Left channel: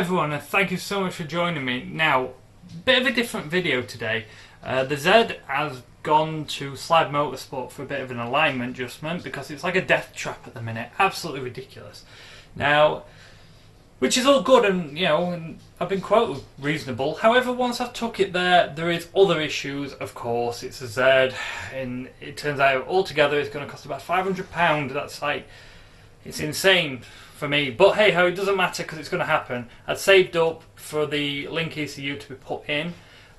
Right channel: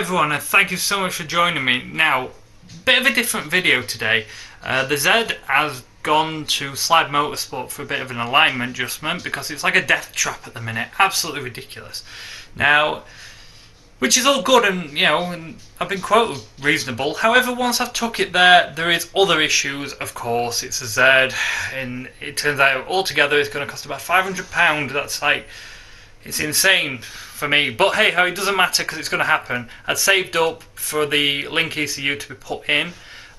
everyone, and thank you so much for joining me. Now, bit of a different video today. The Z has gone to Slide Motorsport for a bit of an alignment adjustment because it's like a death trap at the minute. Absolutely ridiculous. Now, which is all good and, and I've been quite reasonable. However, once I've took it there is other issues, of course. It's a Z, and it turns out altogether it's going to cost about £500. That's like, it's insane for me. But hey ho, it doesn't matter because it's going to happen. I'd saved up for the Link ECU to be put in.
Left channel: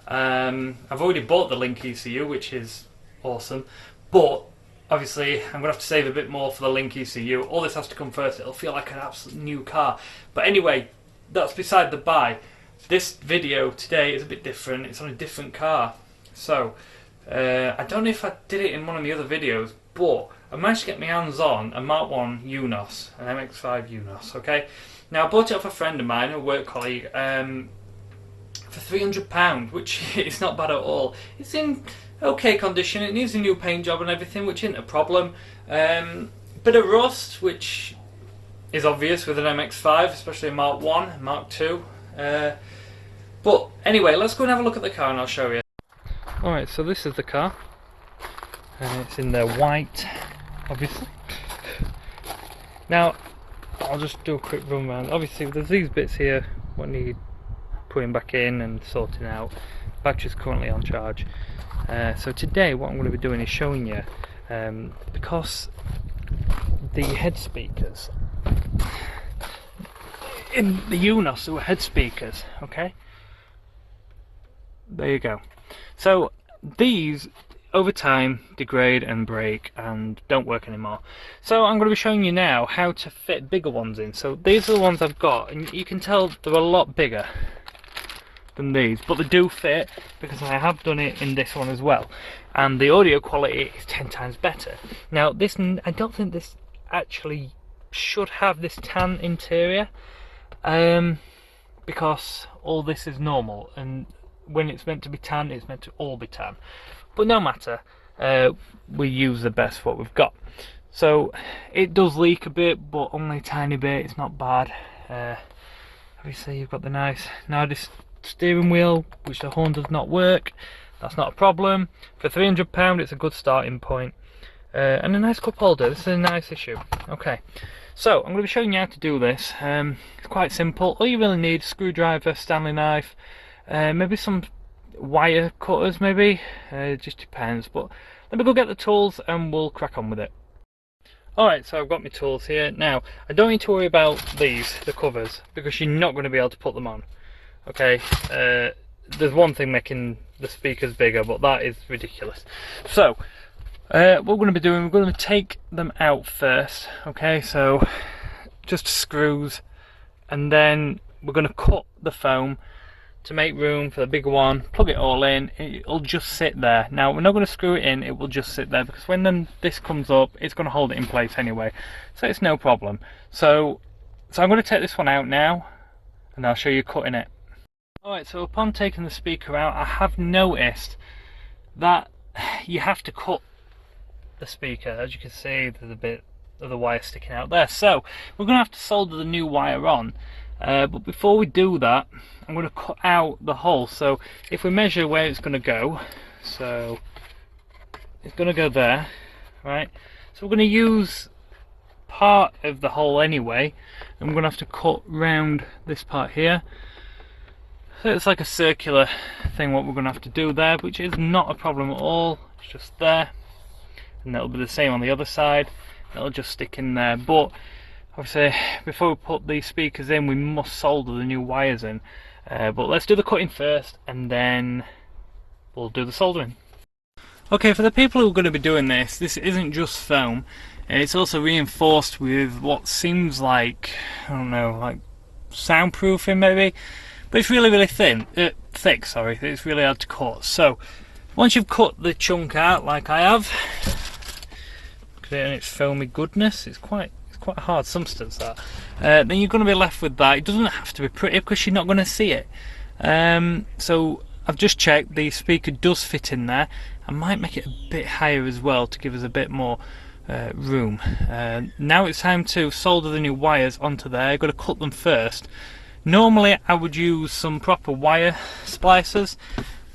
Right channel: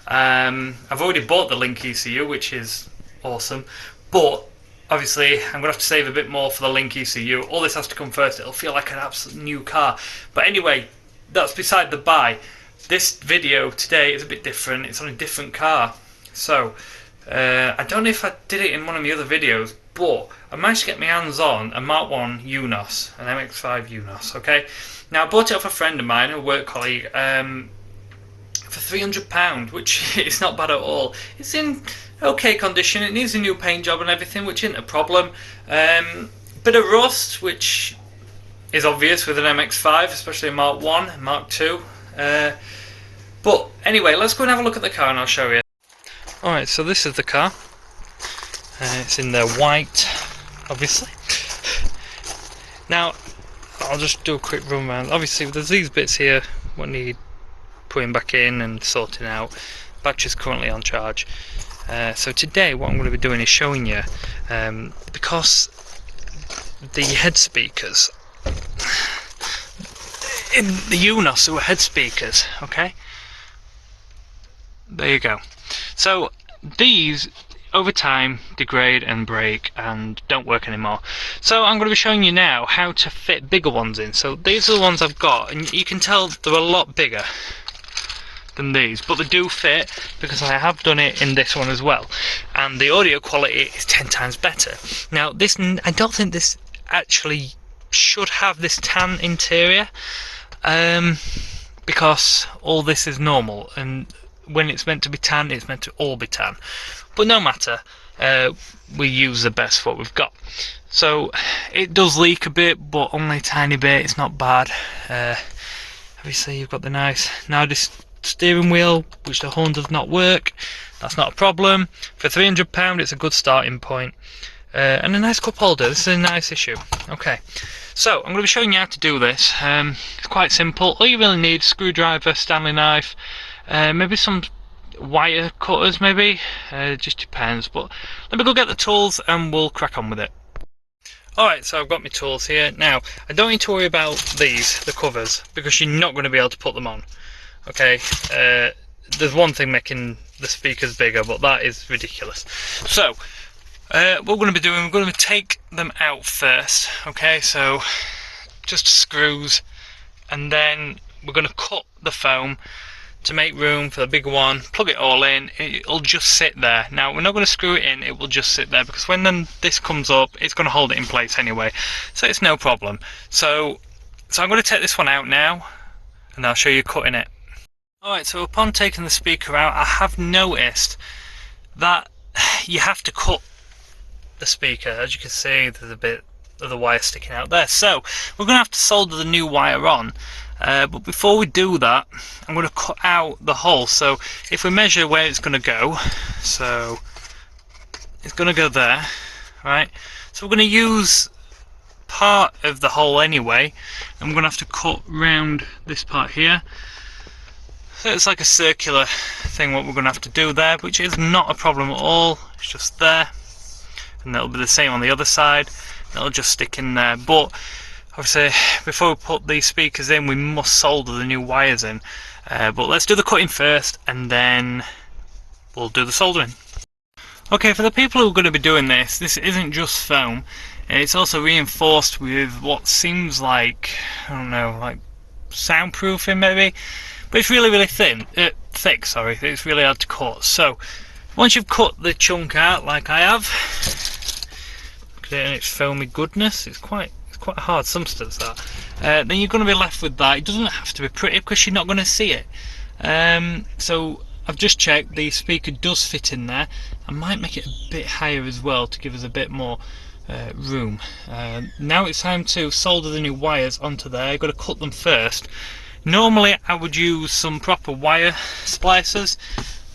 I've already bought the Link ECU, which is awesome. But obviously, I'm going to have to save a bit more for the Link ECU. All this has to come first. It'll feel like an absolute new car. But anyway, that's beside the by. This video today is a bit different. It's on a different car. So, I don't know if I did it in one of the other videos, but I managed to get my hands on a Mark 1 Eunos, an MX-5 Eunos, okay? Now, I bought it off a friend of mine, a work colleague, for £300, which is not bad at all. It's in okay condition. It needs a new paint job and everything, which isn't a problem. Bit of rust, which is obvious with an MX-5, especially a Mark 1, Mark 2. But anyway, let's go and have a look at the car and I'll show you. Alright, so this is the car. It's in the white, obviously. Now, I'll just do a quick run around. Obviously, there's these bits here what need putting back in and sorting out. Battery's currently on charge. So today what I'm going to be doing is showing you, because the head speakers in the Eunos were head speakers, okay? There you go. So these over time degrade and break and don't work anymore. So I'm going to be showing you now how to fit bigger ones in. So these are the ones I've got, and you can tell they're a lot bigger than these, but they do fit because I have done it in this one as well, and the audio quality is 10 times better. Now this, I don't think this actually should have this tan interior, because all this is normal, and when it's meant to be tan, it's meant to all be tan. But no matter, we use the best what we've got. So it does leak a bit, but only a tiny bit. It's not bad. Obviously you've got the nice steering wheel, which the horn does not work. That's not a problem. For £300 it's a good starting point. And a nice cup holder. This is a nice issue. Okay, so I'm going to be showing you how to do this. It's quite simple. All you really need: screwdriver, Stanley knife, maybe some wire cutters, maybe. Just depends, but let me go get the tools and we'll crack on with it. Alright, so I've got my tools here. Now, I don't need to worry about the covers, because you're not going to be able to put them on. Okay, there's one thing making the speakers bigger, but that is ridiculous. So what we're going to be doing, we're going to take them out first. Okay, so just screws, and then we're going to cut the foam to make room for the bigger one. Plug it all in, it'll just sit there. Now we're not going to screw it in, it will just sit there, because when then this comes up, it's going to hold it in place anyway, so it's no problem. So I'm going to take this one out now, and I'll show you cutting it. Alright, so upon taking the speaker out, I have noticed that you have to cut the speaker. As you can see, there's a bit of the wire sticking out there. So we're going to have to solder the new wire on. But before we do that, I'm going to cut out the hole. So if we measure where it's going to go, so it's going to go there, right? So we're going to use part of the hole anyway, and we're going to have to cut round this part here. So it's like a circular thing what we're going to have to do there, which is not a problem at all. It's just there, and that'll be the same on the other side. It'll just stick in there. But obviously, before we put these speakers in, we must solder the new wires in. But let's do the cutting first, and then we'll do the soldering. Okay, for the people who are going to be doing this isn't just foam. It's also reinforced with what seems like, I don't know, like soundproofing maybe. But it's really thick, sorry. It's really hard to cut. So once you've cut the chunk out, like I have, look at it and its foamy goodness. It's quite a hard substance, that. Then you're going to be left with that. It doesn't have to be pretty because you're not going to see it. So I've just checked, the speaker does fit in there. I might make it a bit higher as well to give us a bit more room. Now it's time to solder the new wires onto there. I've got to cut them first. Normally I would use some proper wire splicers,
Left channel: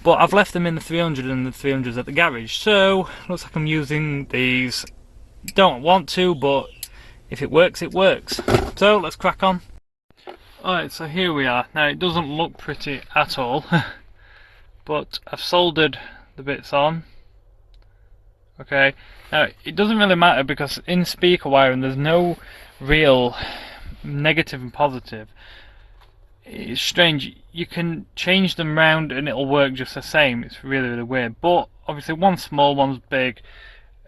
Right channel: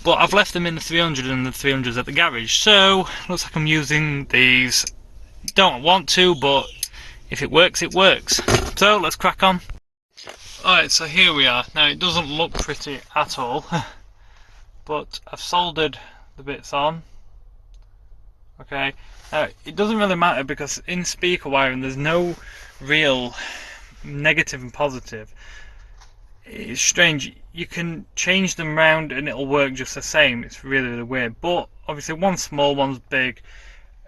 but I've left them in the 300 and the 300's at the garage, so looks like I'm using these. Don't want to, but if it works, it works. So let's crack on. Alright, so here we are. Now it doesn't look pretty at all, but I've soldered the bits on. Okay, now it doesn't really matter because in speaker wiring there's no real negative and positive. It's strange, you can change them round and it'll work just the same. It's really, really weird, but obviously one's small, one's big,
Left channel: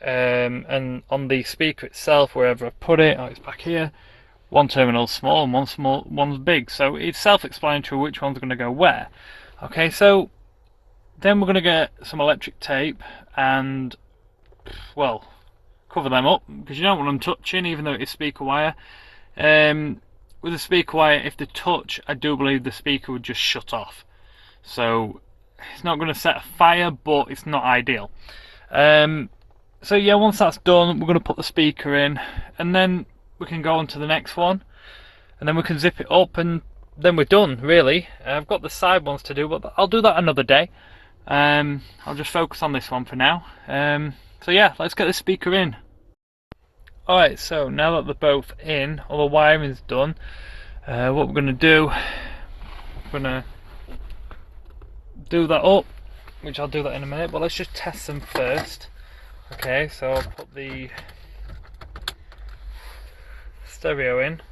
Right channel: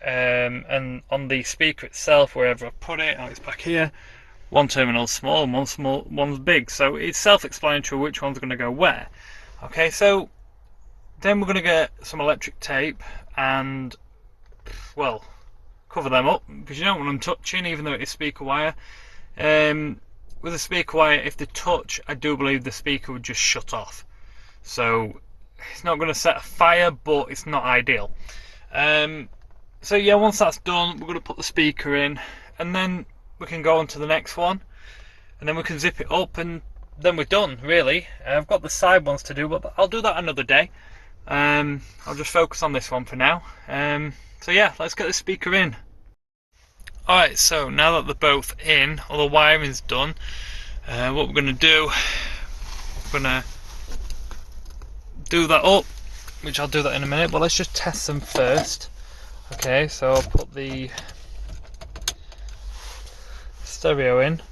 and on the speaker itself, wherever I put it, it's back here, one terminal's small and one's big, so it's self-explanatory which one's going to go where. Okay, so then we're going to get some electric tape and, well, cover them up because you don't want them touching, even though it is speaker wire. With a speaker wire, if they touch, I do believe the speaker would just shut off. So it's not going to set a fire, but it's not ideal. So yeah, once that's done, we're going to put the speaker in, and then we can go on to the next one, and then we can zip it up, and then we're done, really. I've got the side ones to do, but I'll do that another day. I'll just focus on this one for now. So yeah, let's get the speaker in. Alright, so now that they're both in, all the wiring's done, what we're going to do, we're going to do that up, which I'll do that in a minute, but let's just test them first. Okay, so I'll put the stereo in.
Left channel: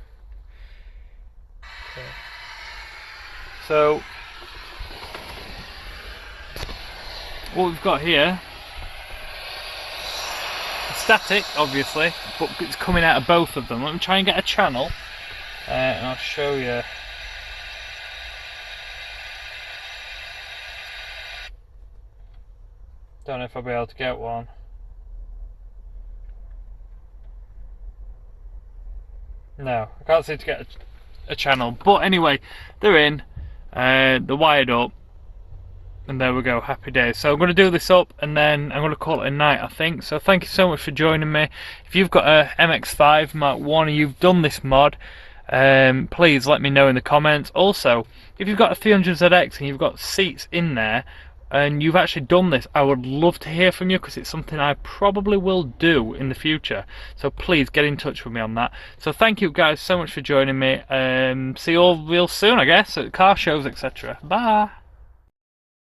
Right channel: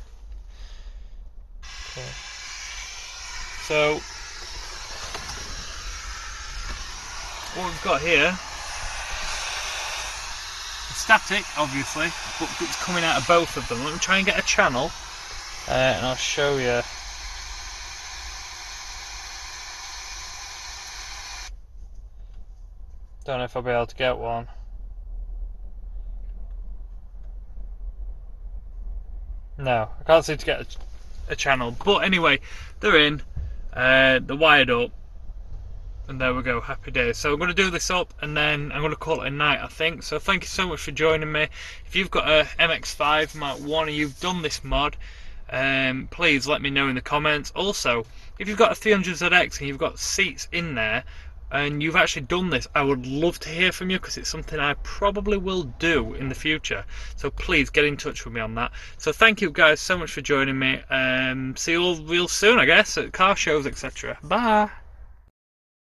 Okay. So what we've got here, static obviously, but it's coming out of both of them. Let me try and get a channel, and I'll show you. Don't know if I'll be able to get one. No, I can't seem to get a channel, but anyway, they're in, they're wired up, and there we go, happy days. So I'm going to do this up and then I'm going to call it a night, I think. So thank you so much for joining me. If you've got a MX-5 Mark 1 and you've done this mod, please let me know in the comments. Also, if you've got a 300ZX and you've got seats in there and you've actually done this, I would love to hear from you because it's something I probably will do in the future. So please get in touch with me on that. So thank you guys so much for joining me. See you all real soon, I guess, at car shows, etc. Bye.